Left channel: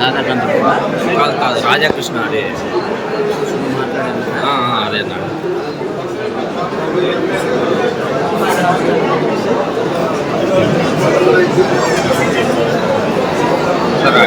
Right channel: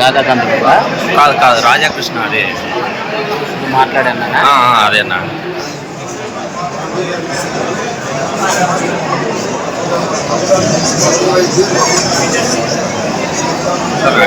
రాధా కాదు కాదు రాజాకృష్ణ అదే మాట్లాడాను అదే అన్న సరే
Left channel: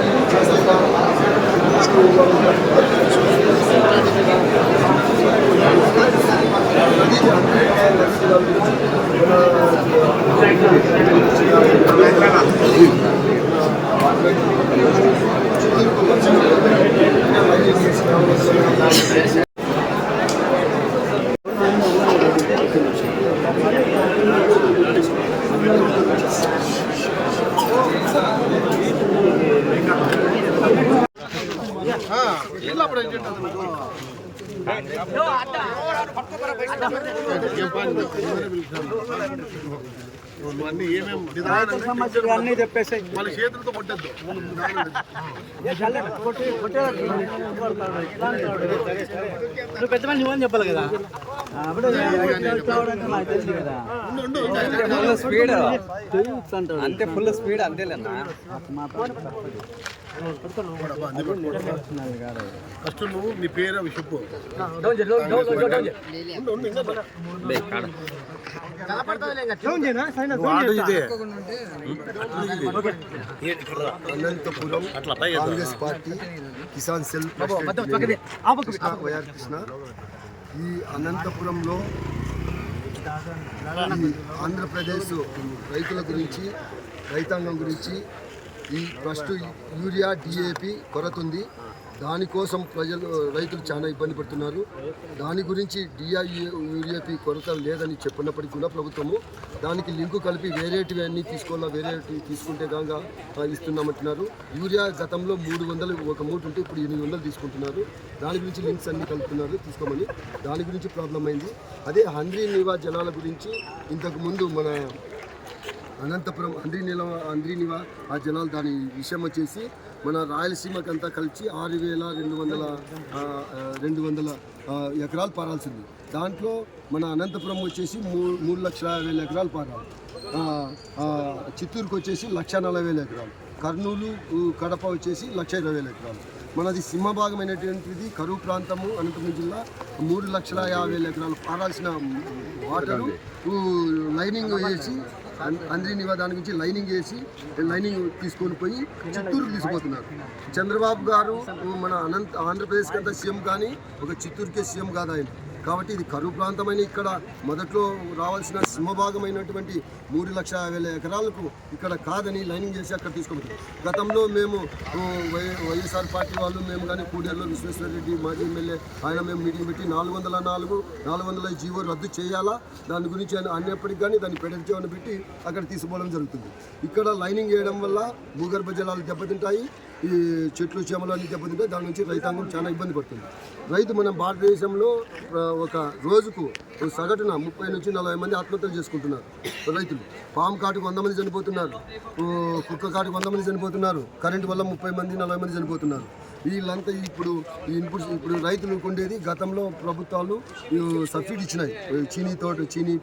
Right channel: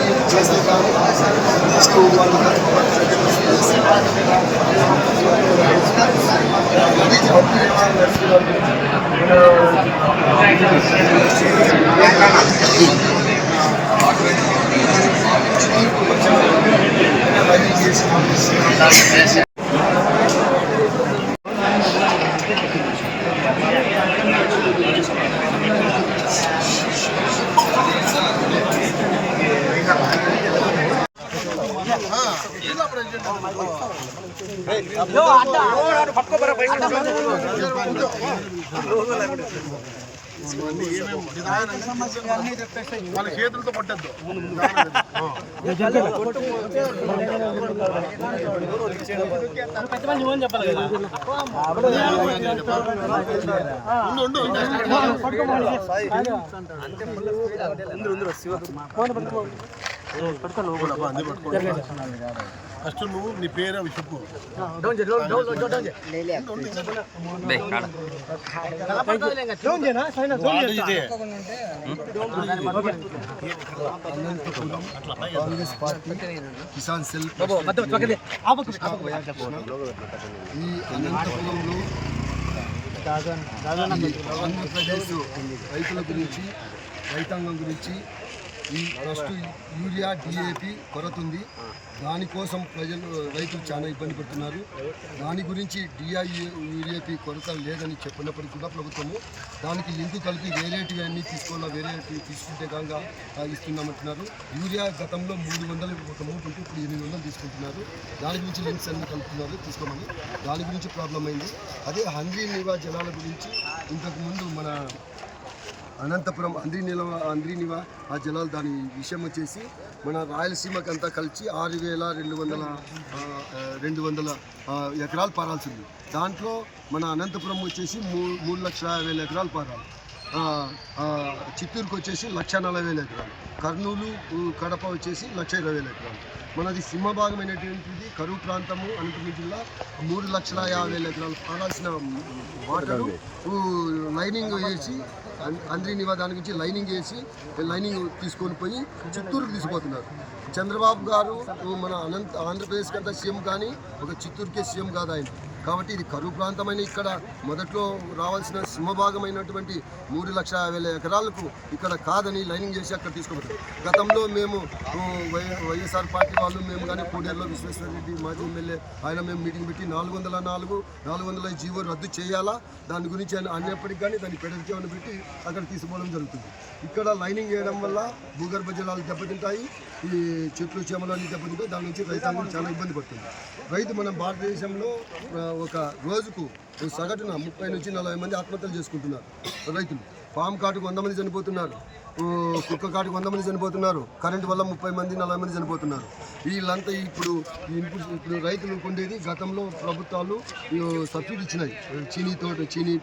చేస్తున్నాం సో వాళ్ళు Yapalım. అన్ని చెప్పాలి కదా ఫుల్ స్పీడ్ ఫస్ట్ నువ్వు నీ పేరు అవి చెప్పు అనంతపురం కాంగ్రెస్ పార్టీ కిసాన్ సెల్ కృష్ణ ఈ అనంతపురంలో ఆంధ్రప్రదేశ్ రైతుల గురించి రైతాంగం గురించి ఈ ఫస్ట్ యూరియా డిఏపి కొరత ఉంది దానికోసం ప్రజలు రైతులు చాలా ఇబ్బంది పడుతున్నారు దాని గురించి డిఐ యూరియాపి కొరత లేదని చెప్పినప్పటికీ కూడా ప్రభుత్వము దానికి లింకు కలిపి వేరేటివి అన్నీ తీసుకోవాలా వేరేటివి తీసుకుంటే కాగా ఇస్తున్నామంటున్నారు యూరియా గతంలో మూడు వందలు ఒక మూట ఉంటే ఇప్పుడు ఎనిమిది వందలు తీసుకుంటున్నారు దాని గురించి లింక్స్ అన్నీ కలుపుతున్నారు తీసుకోమని దాని గురించి ప్రాబ్లం అయింది అదే హంద్రీ నివా జలాల గురించి ఇంతకుముందు మన అనంతపురం అంద్రి నిల అంద్రి నివ ఆ జలాలు దాని విషయం వచ్చేసి మన రాయలసీమకంతా కలిసి ఆరు వేల రెండు వందల రెండు వందల ఎకరాలు పారాల్సింది దాంట్లో మన అనంతపురం వచ్చేసి మూ మూడు లక్షల యాభై వేల ఎకరాలు పారాలి చిత్తూరుకు వచ్చేసి లక్ష నలభై వేల ఎకరాలు కర్నూలు కడప వచ్చేసి లక్ష ఇరవై వేల ఎకరాలు మనది సింహభాగమైనటువంటిది కరువు ప్రాంతము అనంతపురం జిల్లా మూడు లక్షల యాభై వేల ఎకరాలు పారాల్సిన వాటరు లైనింగ్ వేసి నివా దాని గురించి లైనింగ్ చేసి లైనింగ్ తీసుకొని పోయి చిత్తూరుకు తీసుకుపోతున్నారు చంద్రబాబు గారు మన అనంత ఆంధ్రప్రదేశ్ కంటే సీఎం కానీ ఒక చిత్తూరుకే సీఎం కాదు ఆయన కాబట్టి ఇది కరువు ప్రాంతమైన ఇక్కడ మొదట్లో రావాల్సిన సింహభాగమైనటువంటి మూడు లక్షల వేల ఎకరాలకు ఇక్కడ కాదని లైనింగ్ చేసి అక్కడ తీసుకోబోతాం గతంలో మేము వైఎస్ఆర్ పార్టీ వాళ్ళు మేము కానీ కూడేరులో విశ్వేశ్వరరెడ్డి మాజీ ఎమ్మెల్యే ఆయన మేము మీటింగ్ పెట్టి నాలుగు వందల నాలుగు నాలుగు వందల జీవో రద్దు చేయాలా దాని గురించి ఆయన అన్నప్పటికి కానీ దాన్ని పెడచేవని పెట్టి అక్కడ తీసుకోవడం జరుగుతుంది ఇక్కడ లైనింగ్ చేయడం వల్ల భూగర్భ జలాలు దెబ్బతింటాయి ఈ చెట్లు చేమలు అన్ని దెబ్బతింటాయి దాని నుంచి రైతాంగం చాలా ఇబ్బంది పడుతుంది రైతు మన భారతదేశంలో ఒక రోజుకు సగటున ముప్పై నుంచి నలభై మంది ఆత్మహత్యలు చేసుకుంటున్నారు రైతులు పాము కాటుకు వంద మంది చనిపోతున్నారు కుక్క కాటుకు వంద మంది చనిపోతున్నారు కరెంటు వల్ల ముప్పై మంది నలభై మంది చనిపోతున్నారు వీళ్ళంతా ఇప్పుడు ఇన్పుట్స్ ఇప్పుడు రైతులు ఉండేది గతంలో ప్రభుత్వాలు సబ్సిడీ ఇచ్చినాయి చీనీ తోట చీనీ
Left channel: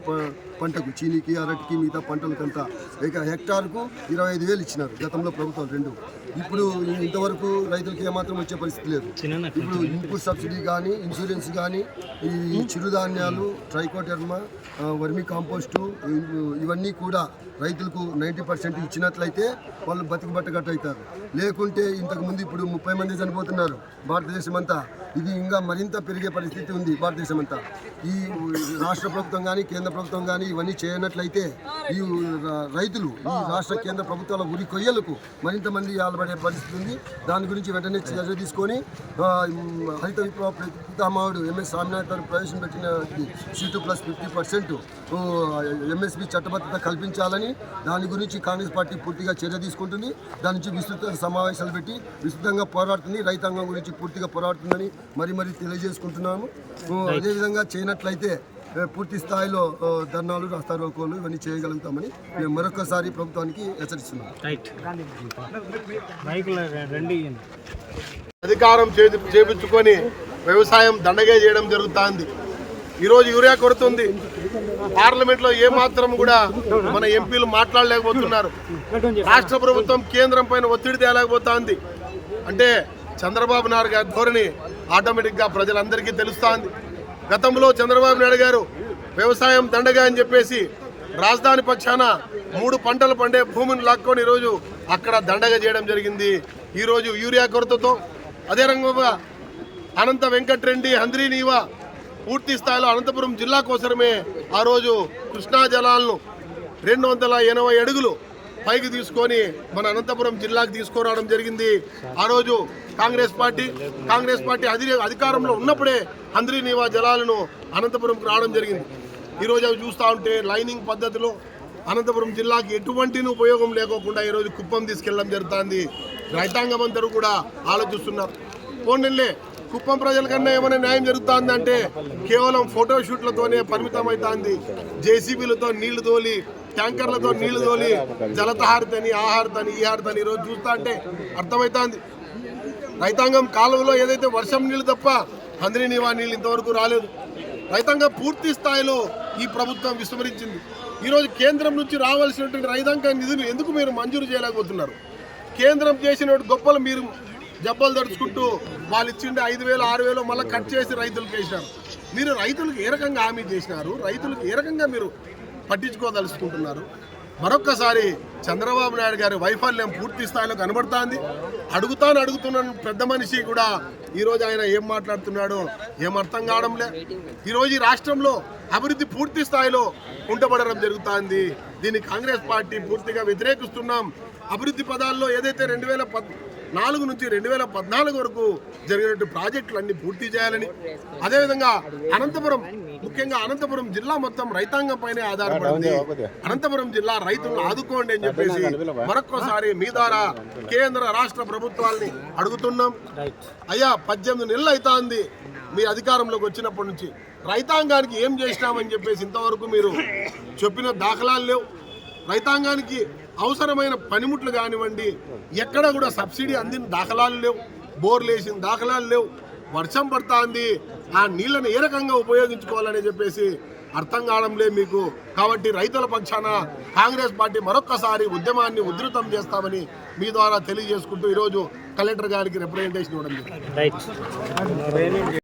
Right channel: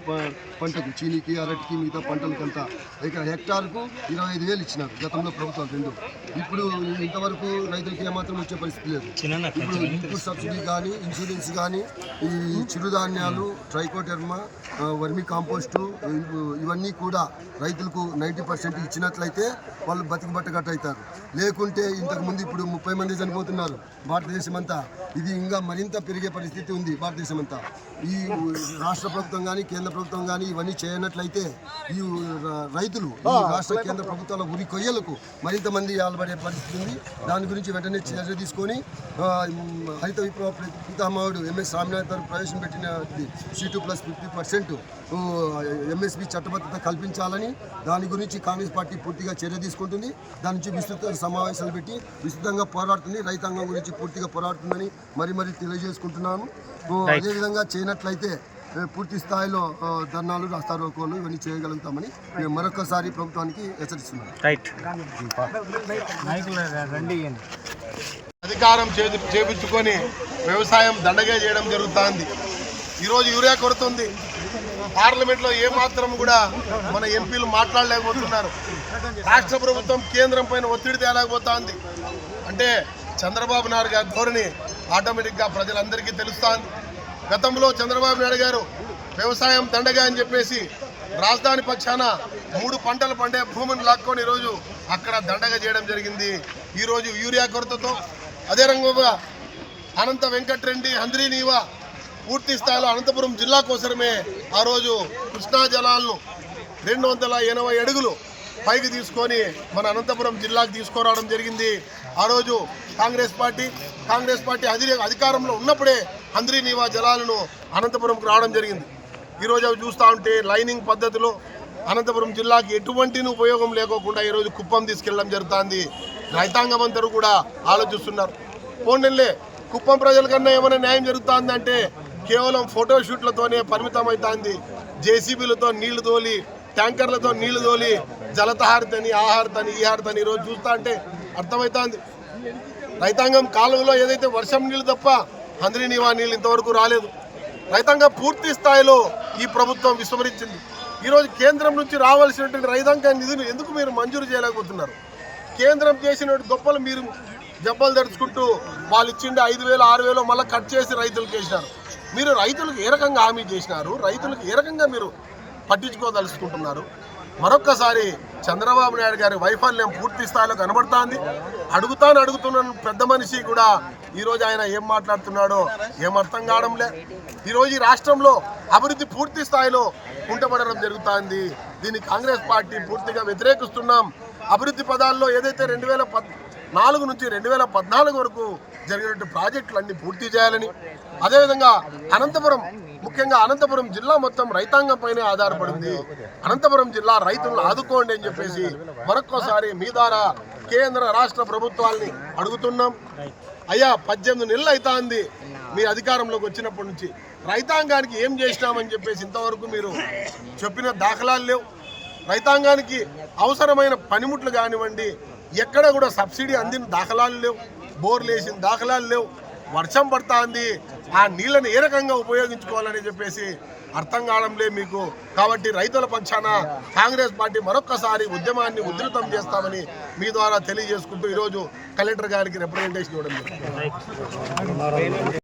పంటకు చీనీకి అరటికి మిగతా పంటలకంతా ఇక హెక్టార్కు ఇరవై ఐదు వేలు ఇచ్చినారు గతంలో ప్రభుత్వాలు రెండు ఇప్పుడు ఇంతవరకు రైతులకు ఏమాత్రం వచ్చే పరిస్థితి లేదు ఇప్పుడు ఇన్పుట్ సబ్సిడీ కానీ ఇన్సూరెన్స్ కానీ ఈ చిరుధాన్యాలు ట్రైకోడెర్మా వర్మి కాంపోస్టు ఇవన్నీ కూడా రైతులకు నైంటీ పర్సెంట్ ఇచ్చినట్లయితే వాళ్ళు బతికి బట్టగట్టవుతారు లేకుంటే ఇంతకుముందు ఇప్పుడు ముప్పై మంది చనిపోతున్నారు భారతదేశం అంతా ఇది ఇంకా మరింత పెరిగే పరిస్థితి ఉంది భారతదేశం అంతా ఈ రాష్ట్ర ప్రభుత్వం కానీ కేంద్ర ప్రభుత్వం కానీ ఇవన్నీ చేయనట్లయితే ఈ రైతులు ఈ రాష్ట్ర కేంద్ర ప్రభుత్వాల ఉరి కొయ్యలకు మరింత మంది ఆలబడే పరిస్థితి ఉంది దాని గురించి వెంటనే చర్య తీసుకొని హరిత విప్లవ పితామహుడు ఎంఎస్ స్వామినాథన్ ప్రవేశం ప్రవేశపెట్టిన C two plus fifty percent MSP చట్టబద్ధత కల్పించాలని దాని గురించి కాంగ్రెస్ పార్టీ పూర్తిగా చర్య తీసుకుంటుంది దాని నుంచి విస్తృత సమావేశాలు పెట్టి విస్తృతంగా పోరాడుతుంది రైతాంగం గురించి పూర్తిగా పోరాడుతుందని మరి మరీ తెలియజేసుకుంటున్నాము అదేవిధంగా చేయనట్లయితే పూర్తి స్థాయిలో ధర్నాలు రాస్తారోకోలు ఇవన్నీ చేయగలుగుతామని మేము మరొకసారి ప్రభుత్వానికి హెచ్చరిస్తున్నాం అధికారం చేపించుకొని వ్యవసాయం దండగా చేయడం జరుగుతుంది ఈరోజు యూరియా కొరత ఉంది పార్లమెంట్లో ఏమాత్రం కూడా మన ఎంపీలు మాట్లాడలేకపోతున్నారు రాష్ట్ర ప్రభుత్వం కేంద్రం పైన ఒత్తిడి తేలేకపోతా ఉంది అంటే చంద్రబాబు నాయుడు గారి ధోరణి ఆటోమేటిక్గా ప్రజలందరికీ తెలుస్తూ ఉంది గతంలో చంద్రబాబు నాయుడు గారు వ్యవసాయం దండగా అని చెప్పేసి రాజధాని పక్షాన మూడు పంటలు పండే భూమిని లాక్కొని ఈరోజు అక్కడ దండగా చేయడం జరిగింది ఈరోజు యూరియా కొరతతో అదే రంగంగా అనంత వెంకట్రెడ్డి హంద్రీనివా పూర్తి స్థాయిలో అనంతపురం జిల్లా కోసమే ఆ రోజు కృష్ణా జలాలను రెండు వందల ఎనభై అడుగులు పైకి తీసుకొని మన అనంతపురం జిల్లాకు తీసుకురావడం జరిగింది ఆ రోజు కాంగ్రెస్ పార్టీ కాంగ్రెస్ పార్టీ అధి అధికారంలో ఉన్నప్పుడే అంద్రి నీవా జలాలను అనంతపురంకు రావడం జరిగింది ఈరోజు అవి చూస్తూ ఉంటే లైనింగ్ పద్ధతిలో అనంతపురం జిల్లాకి ఎటువంటి ఉపయోగం లేకోకుండా ఈరోజు కుప్పం తీసుకెళ్ళడం జరుగుతుంది రైతాంగం అందరూ కూడా ఆలోచిస్తున్నారు పోండిలే కుప్పం ప్రజల కన్నా ఏమైనా న్యాయం జరుగుతుందంటే కేవలం ఫోటోషూట్లతోనే పరిమితం అవుతుంది జేసీబీలతో నీళ్లు తోలి ట్యాంకర్లతో నీళ్లు తోలి జలతహారితని ఆహారతని ఈ హారతని ఈరోజు చూస్తా అంటే అర్థమవుతుంది రైతాంగం కాలువలో ఏదైతే వర్షం నీళ్ళు తప్ప అందరినీ నీవా నీళ్ళు ఇంతవరకు రాలేదు రైతాంగం పూర్తి స్థాయిలో ఈ ప్రభుత్వం విస్మరించింది ఈరోజు కేంద్రం నుంచి రావాల్సినటువంటి రైతాంగం నిధులు ఎందుకు మీరు మంజూరు చేయలేకపోతున్నారు కేంద్రం చేసిన గొప్పలు మీరు జబ్బలు తడుచుకుంటూ వాళ్ళు ఇచ్చిండే ఐదు వేలు ఆరు వేలు మళ్ళీ కట్ చేసి రైతులకు వేసినారు మీరు రైతులకు ఏ రకంగా హామీ చేసినారు రైతులకు ఏ రకంగా మీరు పట్టించుకోదలుచుకుంటున్నారు మరొక్కసారి చంద్రబాబు నాయుడు గారి వైఫల్యం పూర్తి స్థాయిలో కనబడుతోంది అడుగుతాను అడుగుతున్నాను పెద్ద మనిషి కూడా ఈరోజు ఆయన ఏం మాట్లాడుతున్నాడో ఏం అర్థం లే ఈరోజు ఈ రాష్ట్రంలో అభివృద్ధి పూర్తి స్థాయిలో ఉండబడడం జరుగుతోంది దీన్ని కాంగ్రెస్ పార్టీ పూర్తిగా వ్యతిరేకిస్తున్నాం అభివృద్ధి పదాల్లో ఏదైతే రెండు వేల పద్ నాలుగు నుంచి రెండు వేల పద్నాలుగు వరకు జరిగినట్టు ప్రాజెక్టులు అన్ని పూర్తి చేయాలని అదేవిధంగా అనంతపురం ముఖ్యంగా అనంతపురం జిల్లా మొత్తం రైతాంగం పైనే ఆధారపడింది అనంతపురం జిల్లా రైతులను ఆదుకోండి అని చెప్పేసి మరొక్కసారి మీ ద్వారా కేంద్ర రాష్ట్ర ప్రభుత్వాల్ని అడుగుతున్నాం అయ్యా పద్దెనిమిది నెలలు అవుతాంది మీ అధికారంలోకి వచ్చినప్పటి నుంచి రైతాంగానికి ఏం చేసినామని చెప్పేసి ఇంతవరకు మీరు చెప్పిన దాఖలాలు లేవు రైతాంగానికి అవసరమైన పనిముట్లు కానివ్వండి ఎక్కడ కూడా సబ్సిడీ అందిన దాఖలాలు లేవు బోర్లు వేసిన దాఖలాలు లేవు వర్షం ఉంది ఆ నీళ్లను ఏ రకంగా ఉపయోగించుకోవాలని చెప్పేసి అర్థం కావడంలే మీకు కాబట్టి రైతుల పక్షాన కాంగ్రెస్ పార్టీ మరొక్కసారి ఉద్యమాన్ని ఉధృతం చేస్తామని మీ ద్వారా తెలియజేసుకుంటూ ఈరోజు కలెక్టర్ గారికి రిప్రజెంటేషన్ ఇవ్వడం జరిగింది